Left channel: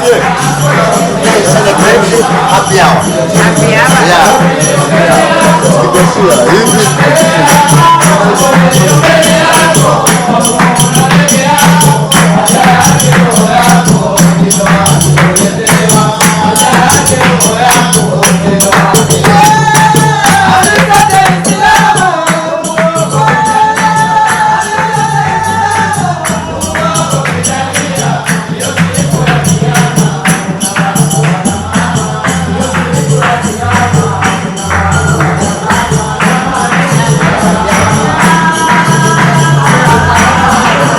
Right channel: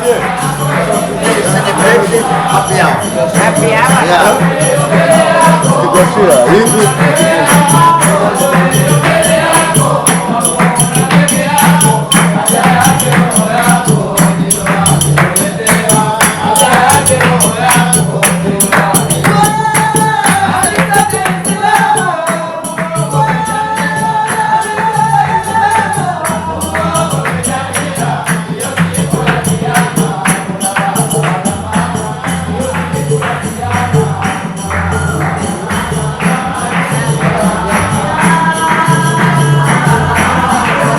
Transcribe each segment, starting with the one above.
Happy hour.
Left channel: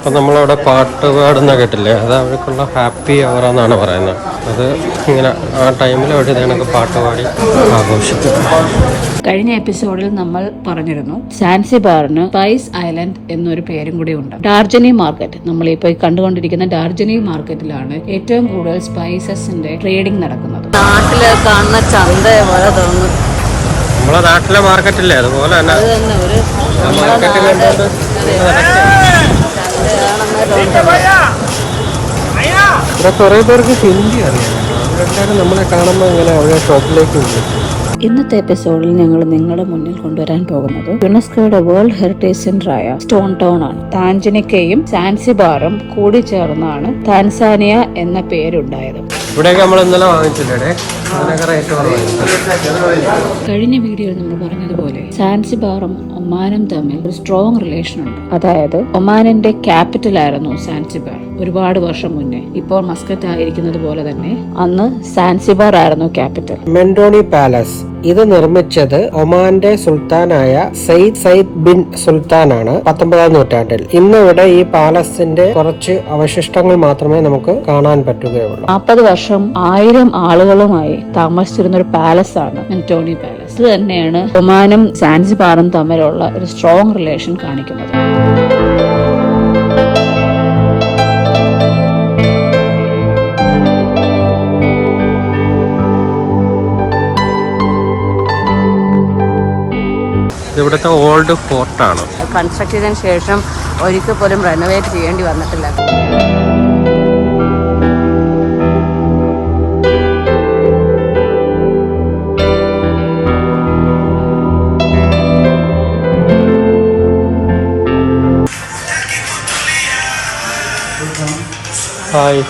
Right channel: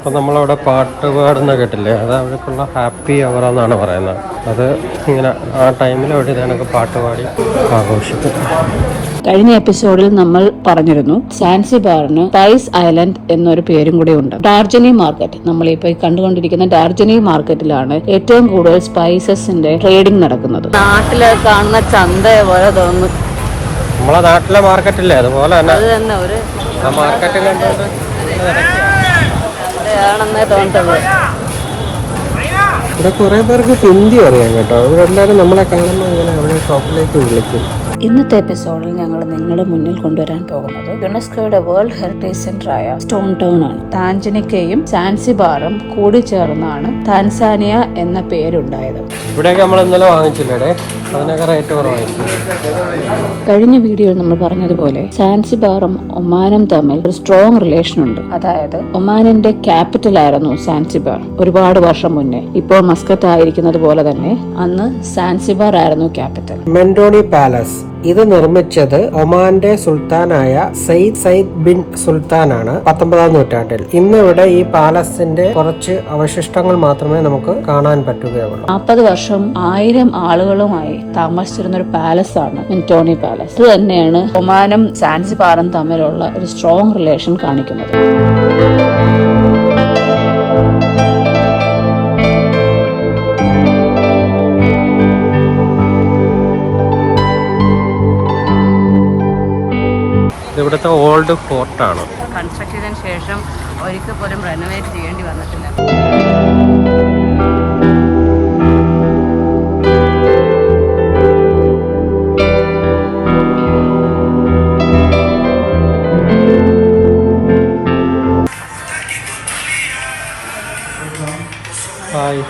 അപ്പം നമ്മളവിടെ പാട്ട് പാടുന്ന കേട്ടില്ലേ, അത് അവർക്കുള്ള ഹാപ്പി അവർ എന്നാണ് പറയുന്നത്. അത് ഇങ്ങനെ ആ ടൈമിൽ അവർ ഇതേണൊക്കെ പാട്ട് പാടി ആഘോഷിക്കും. കഴിഞ്ഞ എപ്പിസോഡിൽ നമ്മൾ പറഞ്ഞിരുന്നു സാൻസിബാറിന് സ്പൈസ് ഐലൻഡ് എന്നൊരു പേരും കൂടെ ഉണ്ട്. ഡാർജനി മാർക്കറ്റ്, നമ്മളിപ്പോൾ കണ്ടുകൊണ്ടിരിക്കുന്ന ഡാർജനി മാർക്കറ്റിലാണ് ഏറ്റവും കൂടുതൽ സ്പൈസസിന്റെ ട്രേഡിംഗ് നടക്കുന്നത്. നാട്ടിലെ കാണുന്ന ചന്ത പോലെ തോന്നുന്നു. നമ്മളെ നാട്ടിലെ മാർക്കറ്റില്ലേ അതുപോലെ തന്നെ മാർക്കറ്റ് കണ്ടുകൊണ്ട് ഇവിടെ കുറേ പേർക്ക് ഹിന്ദി അറിയാം കേട്ടോ. അവരെല്ലാവരും നമ്മളെ കാണുമ്പോൾ ഇങ്ങനെ അവരെ ഷോപ്പിലേക്ക് വിളിക്കും. ഇന്നത്തെ എപ്പിസോഡിൽ ഞങ്ങൾ നിങ്ങളുടെ മുന്നിൽ കൊണ്ടുവരാൻ പോകുന്നത് യുനെസ്കോയുടെ വേൾഡ് ഹെറിറ്റേജ് സെന്ററായ സ്റ്റോൺ ടൗൺ ആണ്. താൻജനിക്കയും സാൻസിബാറും കൂടി ചേർന്നാണ് താൻസാനിയ എന്ന പേരുണ്ടായത്. ഇവിടെയൊക്കെ നമ്മൾ ഇന്നലെ വാങ്ങിച്ചില്ലേ, അതിനൊക്കെ റേറ്റ് കുറവായിരിക്കും. കഴിഞ്ഞ വീഡിയോയിൽ നമ്മൾ പറഞ്ഞതുപോലെ സാൻസിബാറും ഒമാനും തമ്മിൽ ഒരു സ്ട്രോങ് റിലേഷൻ ഉണ്ട്. അതായത് ഒമാനിന്റെ ക്യാപിറ്റൽ ആയിരുന്നു സാൻസിബാർ ഒരുപാട് വർഷം മുന്നേ. ഇപ്പോൾ മസ്കറ്റ് ആയിരിക്കുന്നത് പോലെ തന്നെ അന്ന് സാൻസിബാർ ആയിരുന്നു ക്യാപിറ്റൽ. മെൻഡോണി പാലസ് ഇത് നിർമ്മിച്ചത് ഒമാന്റെ സുൽത്താനായ സയ്യിദ് ബിൻ സുൽത്താനാണ് 19-ാം നൂറ്റാണ്ടിൽ. ഇന്നിവിടെ ഈ പാലസിന്റെ കുറച്ച് അവശിഷ്ടങ്ങൾ മാത്രമേ നമുക്ക് കാണാൻ പറ്റുകയുള്ളൂ. 40 വർഷം 1000 ആളുകളുമായി താമസിച്ചിരുന്ന ഒരു പാലസ് ആണ് മെൻഡോണി പാലസ്. ഇത് തന്നെയാണ് ഒമാനും സാൻസിബാറും തമ്മിലുള്ള ഒരു സ്ട്രോങ് റിലേഷൻ കാണിക്കുന്നത്. ഇവിടുത്തെ ഓൾഡ് ഫോർട്ടാണ്. കൺസ്ട്രക്ട് ചെയ്തതിനു ശേഷം ഒരിക്കൽ പോലും റെനോവേറ്റ് ചെയ്യേണ്ടി വന്നിട്ടില്ല. ഹായ്.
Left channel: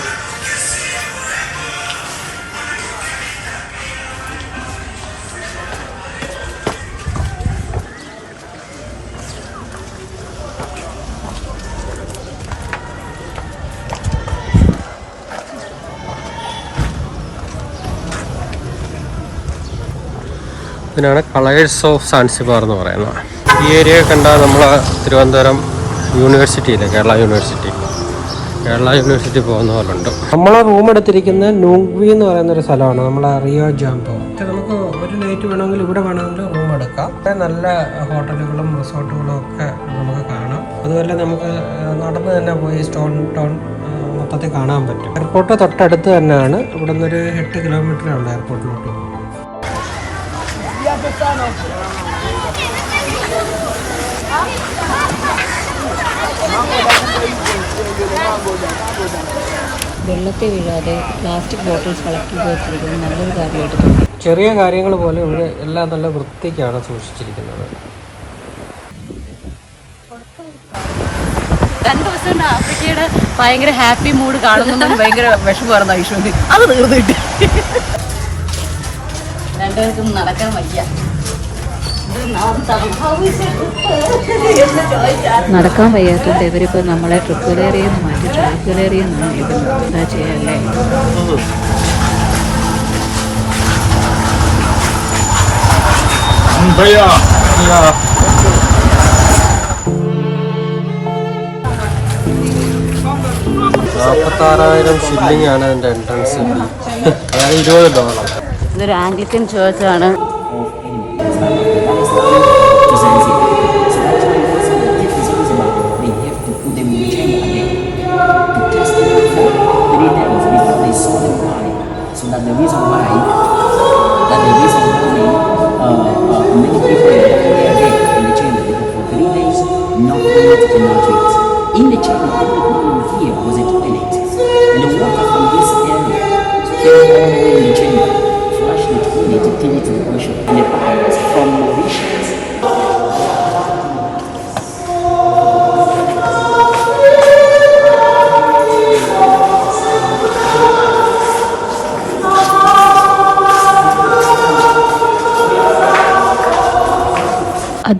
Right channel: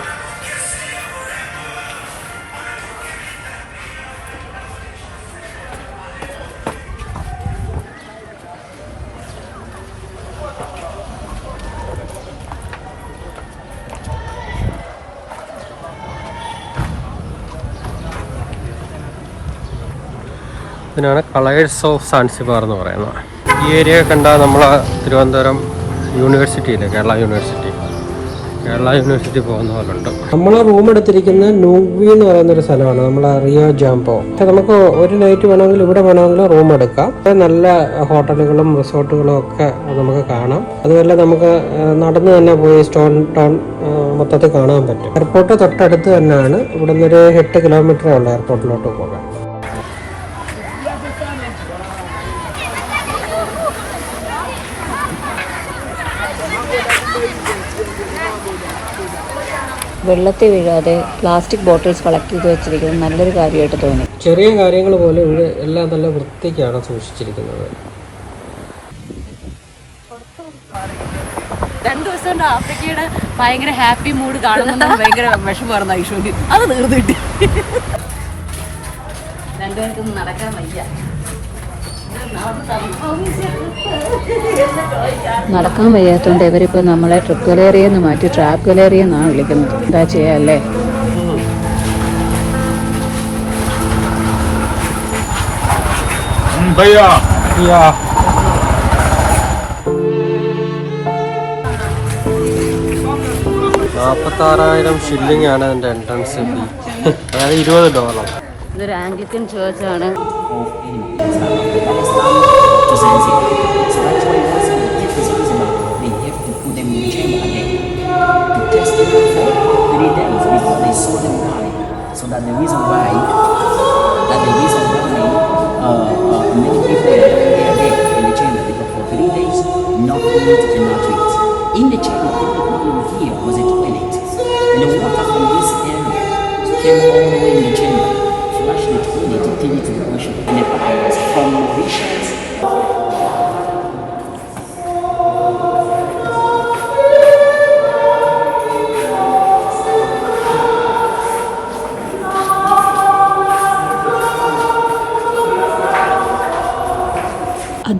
ഇതിനാണ് കളേഴ്സ് ഓഫ് സാൻസിബാർ എന്ന് പറയുന്നത്. ഈ ഏരിയ കണ്ടാൽ നമ്മൾ തിരുവനന്തപുരം യൂണിവേഴ്സിറ്റിയിലെ കേരള യൂണിവേഴ്സിറ്റി പോകുന്ന പോലെ ഉണ്ട്. നമ്മൾ റൂം എടുത്തിരിക്കുന്ന നൂഗ്വി എന്ന് പറയുന്നൊരു സ്ഥലമാണ്, നമ്മളെ റിയോ ജാംബോ. പക്ഷെ നമുക്ക് ഒരു നൈറ്റ് വേണമെങ്കിൽ ഇവിടെ വേണമെങ്കിൽ റൂം എടുക്കാം. നല്ല ഹോട്ടലുകളും റിസോർട്ടുകളും ഒക്കെ നമുക്ക് കാണാം. അതുപോലെ നമുക്ക് നടന്ന് തന്നെ പോയി സ്റ്റോൺ ടൗൺ മൊത്തത്തിൽ കാണാൻ പറ്റും. എയർപോർട്ട് തൊട്ടടുത്ത് തന്നെയാണ്. ഇവിടെ നിന്നൊരു 8 കിലോമീറ്ററേ ഉണ്ട് എയർപോർട്ടിലോട്ട് പോകാൻ. വെള്ളത്തിൽ വീഴാതെ പ്ലാസ്റ്റിക് ബോട്ടിൽസ് കളക്ട് ചെയ്ത് വെച്ചിരിക്കുന്നത് നല്ലൊരു കാര്യമായിട്ട് തോന്നി. ചെറിയ കാര്യങ്ങൾ പോലെ ഇവിടെ എല്ലാം നല്ല വൃത്തിക്കാണ് സൂക്ഷിച്ചിരിക്കുന്നത്. 2 ദിവസം കൊണ്ട് ആഫ്രിക്കയുടെ ഭയങ്കര ഹാപ്പി മൂഡ് കാണുന്ന ഭയങ്കര വിഷമമായിരുന്നു ഐശ്വര്യ. അത് തീർന്നിട്ട് 2 ദിവസം നടക്കാൻ വയ്യ. നടക്കാൻ വയ്യാത്തോണ്ട് ഇവരിപ്പോ നമ്മളെ ട്രിപ്പ് ഗലേറിയെന്ന് മാറ്റി ട്രാപ്പ് ഗലേറി എന്നാണ് വിളിക്കുന്നത്. എന്താ ചെയ്യാല്ലേ? $46,000 ഷില്ലിംഗ് ആണ് അതിന്റെ എൻട്രൻസ് ഫീ. അതായത് $20. ഇതൊരു ആംഗ്ലിക്കൻ ചേർച്ച് ആണ്. In the chain, all here was a toilet, and the water from this area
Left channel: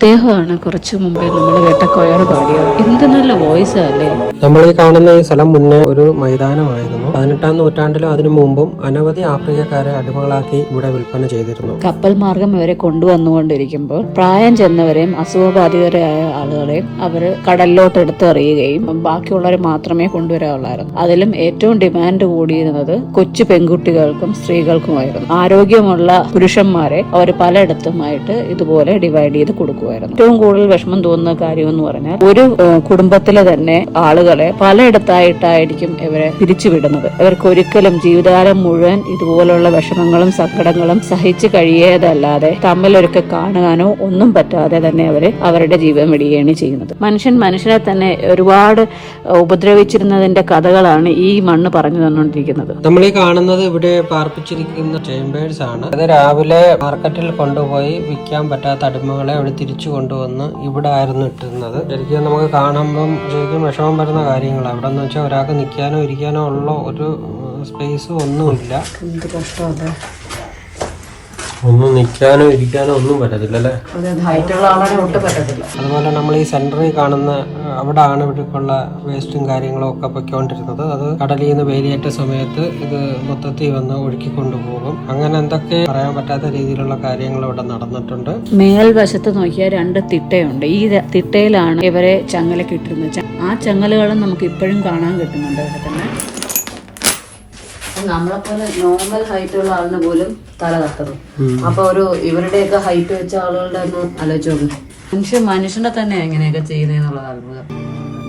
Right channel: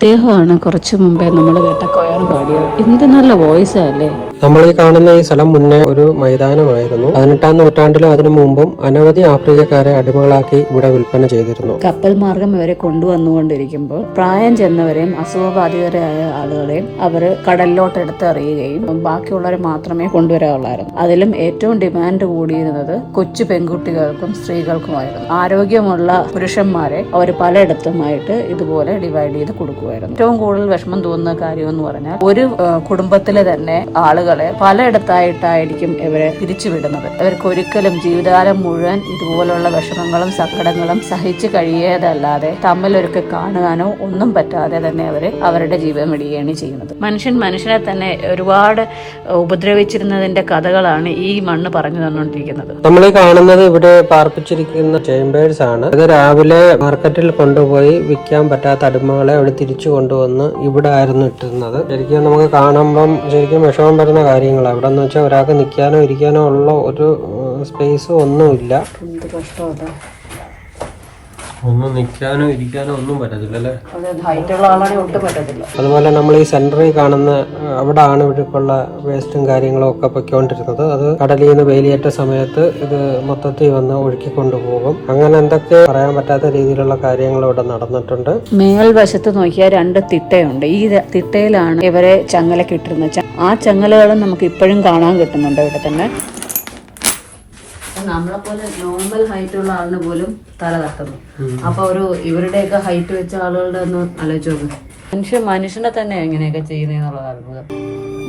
ഇദ്ദേഹമാണ് കുറച്ചു മുമ്പേ നമ്മൾ കേട്ട കൊയർ പാടിയത്. എന്ത് നല്ല വോയിസ് അല്ലേ. നമ്മൾ ഈ കാണുന്ന ഈ സ്ഥലം മുന്നേ ഒരു മൈതാനമായിരുന്നു. 18-ാം നൂറ്റാണ്ടിലും അതിനു മുമ്പും അനവധി ആഫ്രിക്കക്കാരെ അടിമകളാക്കി ഇവിടെ വിൽപ്പന ചെയ്തിരുന്നു. കപ്പൽ മാർഗം ഇവരെ കൊണ്ടുവന്നുകൊണ്ടിരിക്കുമ്പോൾ പ്രായം ചെന്നവരെയും അസുഖബാധിതരായ ആളുകളെയും അവർ കടലിലോട്ട് എടുത്തെറിയുകയും ബാക്കിയുള്ളവരെ മാത്രമേ കൊണ്ടുവരാറുള്ളായിരുന്നു. അതിലും ഏറ്റവും ഡിമാൻഡ് കൂടിയിരുന്നത് കൊച്ചു പെൺകുട്ടികൾക്കും സ്ത്രീകൾക്കുമായിരുന്നു. ആരോഗ്യമുള്ള പുരുഷന്മാരെ അവർ പലയിടത്തുമായിട്ട് ഇതുപോലെ ഡിവൈഡ് ചെയ്ത് കൊടുക്കുമായിരുന്നു. ഏറ്റവും കൂടുതൽ വിഷമം തോന്നുന്ന കാര്യം എന്ന് പറഞ്ഞാൽ ഒരു കുടുംബത്തിലെ തന്നെ ആളുകളെ പലയിടത്തായിട്ടായിരിക്കും ഇവരെ പിരിച്ചുവിടുന്നത്. ഇവർക്ക് ഒരിക്കലും ജീവിതകാലം മുഴുവൻ ഇതുപോലുള്ള വിഷമങ്ങളും സങ്കടങ്ങളും സഹിച്ചു കഴിയേതല്ലാതെ തമ്മിലൊരുക്കെ കാണുവാനോ ഒന്നും പറ്റാതെ തന്നെ അവരുടെ ജീവൻ വിടുകയാണ് ചെയ്യുന്നത്. മനുഷ്യനെ തന്നെ ഒരുപാട് ഉപദ്രവിച്ചിരുന്നതിന്റെ കഥകളാണ് ഈ മണ്ണ് പറഞ്ഞു തന്നുകൊണ്ടിരിക്കുന്നത്. നമ്മൾ ഈ കാണുന്നത് ഇവിടെ പാർപ്പിച്ചിരിക്കുന്ന ചേമ്പേഴ്സ് ആണ്. ഇത് രാവിലെ മാർക്കറ്റിൽ കൊണ്ടുപോയി വിൽക്കാൻ പറ്റാത്ത അടിമകളെ അവിടെ തിരിച്ചു കൊണ്ടുവന്ന് ഇവിടെ ആയിരുന്നു ഇട്ടിരുന്നത്. ശരിക്കും നമുക്ക് കാണുമ്പം ശരിക്കും വിഷമം വരുന്ന കാര്യങ്ങളാണ്. അവിടെ എന്ന് വെച്ചാൽ ഒരാൾക്ക് നിൽക്കാനോ ഇരിക്കാനോ ഉള്ള ഒരു സ്പേസും ഒന്നുമില്ല. എന്ത് കഷ്ടമാണ്. ഒന്നും നിൽക്കാനോ ഇരിക്കാനോ ഒന്നും പറ്റത്തില്ല അല്ലേ. അതുപോലെ നമ്മൾ ഈ സെന്ററിൽ കാണുന്ന അവിടെ ആണ് ഇവർക്കുള്ള വേസ്റ്റും കാര്യങ്ങളും ഒക്കെ പൊയ്ക്കൊണ്ടിരുന്നത്. അത് കടലിൽ നിന്ന് വേലിയേറ്റ സമയത്ത് ഇത് മൊത്തത്തിൽ വന്ന് ഒഴുക്കി കൊണ്ടുപോകും. അങ്ങനെ എന്തൊക്കെ പറയാൻ പറ്റാത്ത രീതിയിലുള്ള കാര്യങ്ങൾ ഇവിടെ നടന്നിട്ടുണ്ട്. മേൽവശത്ത് നോക്കിയാൽ 2 തിട്ടയുണ്ട്. ഈ തിട്ടയിലാണ് ഇവരെ ചങ്ങലക്കിട്ടിരുന്നത്. ആ ചങ്ങലകളും നമുക്ക് ഇപ്പോഴും കാണാൻ കിട്ടുന്നുണ്ട് ഇവിടെ തന്നെ. നമ്മളെ പോലെ നോർമൽ ഹൈറ്റ് ഉള്ള ആളിന് പോലും തല തട്ടണം. അപ്പൊ ഇവരുടെയൊക്കെ ഹൈറ്റ് വെച്ച ആളുകളുടെ ഒന്ന് ആലോചിച്ചു. മനുഷ്യനെ തന്നെ ഇങ്ങനെയൊക്കെ ചെയ്യുന്നതെന്നുള്ളത് അത്ഭുതം.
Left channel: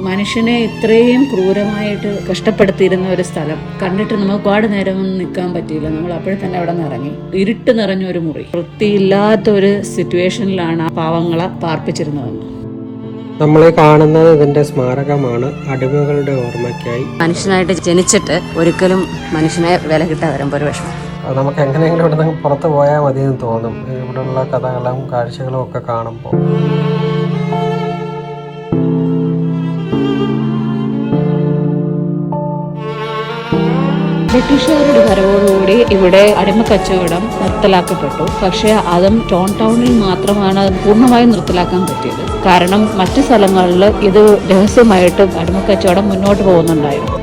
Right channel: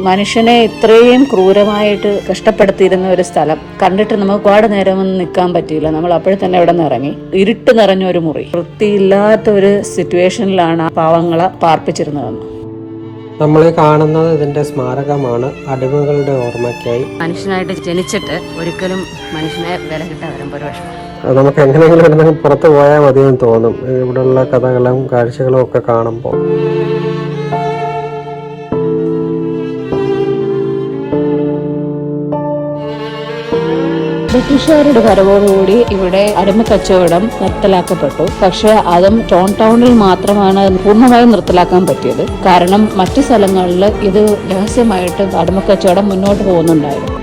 മനുഷ്യനെ ഇത്രയും ക്രൂരമായിട്ട് കഷ്ടപ്പെടുത്തിയിരുന്ന ഒരു സ്ഥലം കണ്ടിട്ട് നമുക്ക് ഒരുപാട് നേരമൊന്നും നിൽക്കാൻ പറ്റിയില്ല. നമ്മൾ അപ്പോഴേ തന്നെ ഇവിടെ നിന്ന് ഇറങ്ങി. ഇരുട്ട് നിറഞ്ഞ ഒരു മുറി, വൃത്തിയില്ലാത്ത ഒരു സിറ്റുവേഷനിലാണ് ആ പാവങ്ങളെ പാർപ്പിച്ചിരുന്നതെന്ന്. നമ്മൾ കാണുന്നത് ഇതിന്റെ സ്മാരകമാണ്, അടിമകളുടെ ഓർമ്മയ്ക്കായി. മനുഷ്യനായിട്ട് ജനിച്ചിട്ട് ഒരിക്കലും മനുഷ്യനെ വില കിട്ടാൻ വരുമ്പോൾ ഒരു വിഷമം. നമുക്ക് എങ്ങനെയെങ്കിലും എന്തെങ്കിലും പുറത്ത് പോയാൽ മതിയെന്ന് തോന്നും ഇവിടെയുള്ള കഥകളും കാഴ്ചകളും ഒക്കെ കാണുമ്പോൾ. ബ്രിട്ടീഷുകാരുടെ വരവോടുകൂടി ഇവിടെ അടിമക്കച്ചവടം നിർത്തലാക്കപ്പെട്ടു. പക്ഷെ അതും ടൗണിൽ മാത്രമാണ് പൂർണ്ണമായും നിർത്തലാക്കാൻ പറ്റിയത്. കാരണം മറ്റു സ്ഥലങ്ങളിൽ ഇത് രഹസ്യമായിട്ട് അടിമക്കച്ചവടം മുന്നോട്ട് പോകുന്നുണ്ടായിരുന്നു.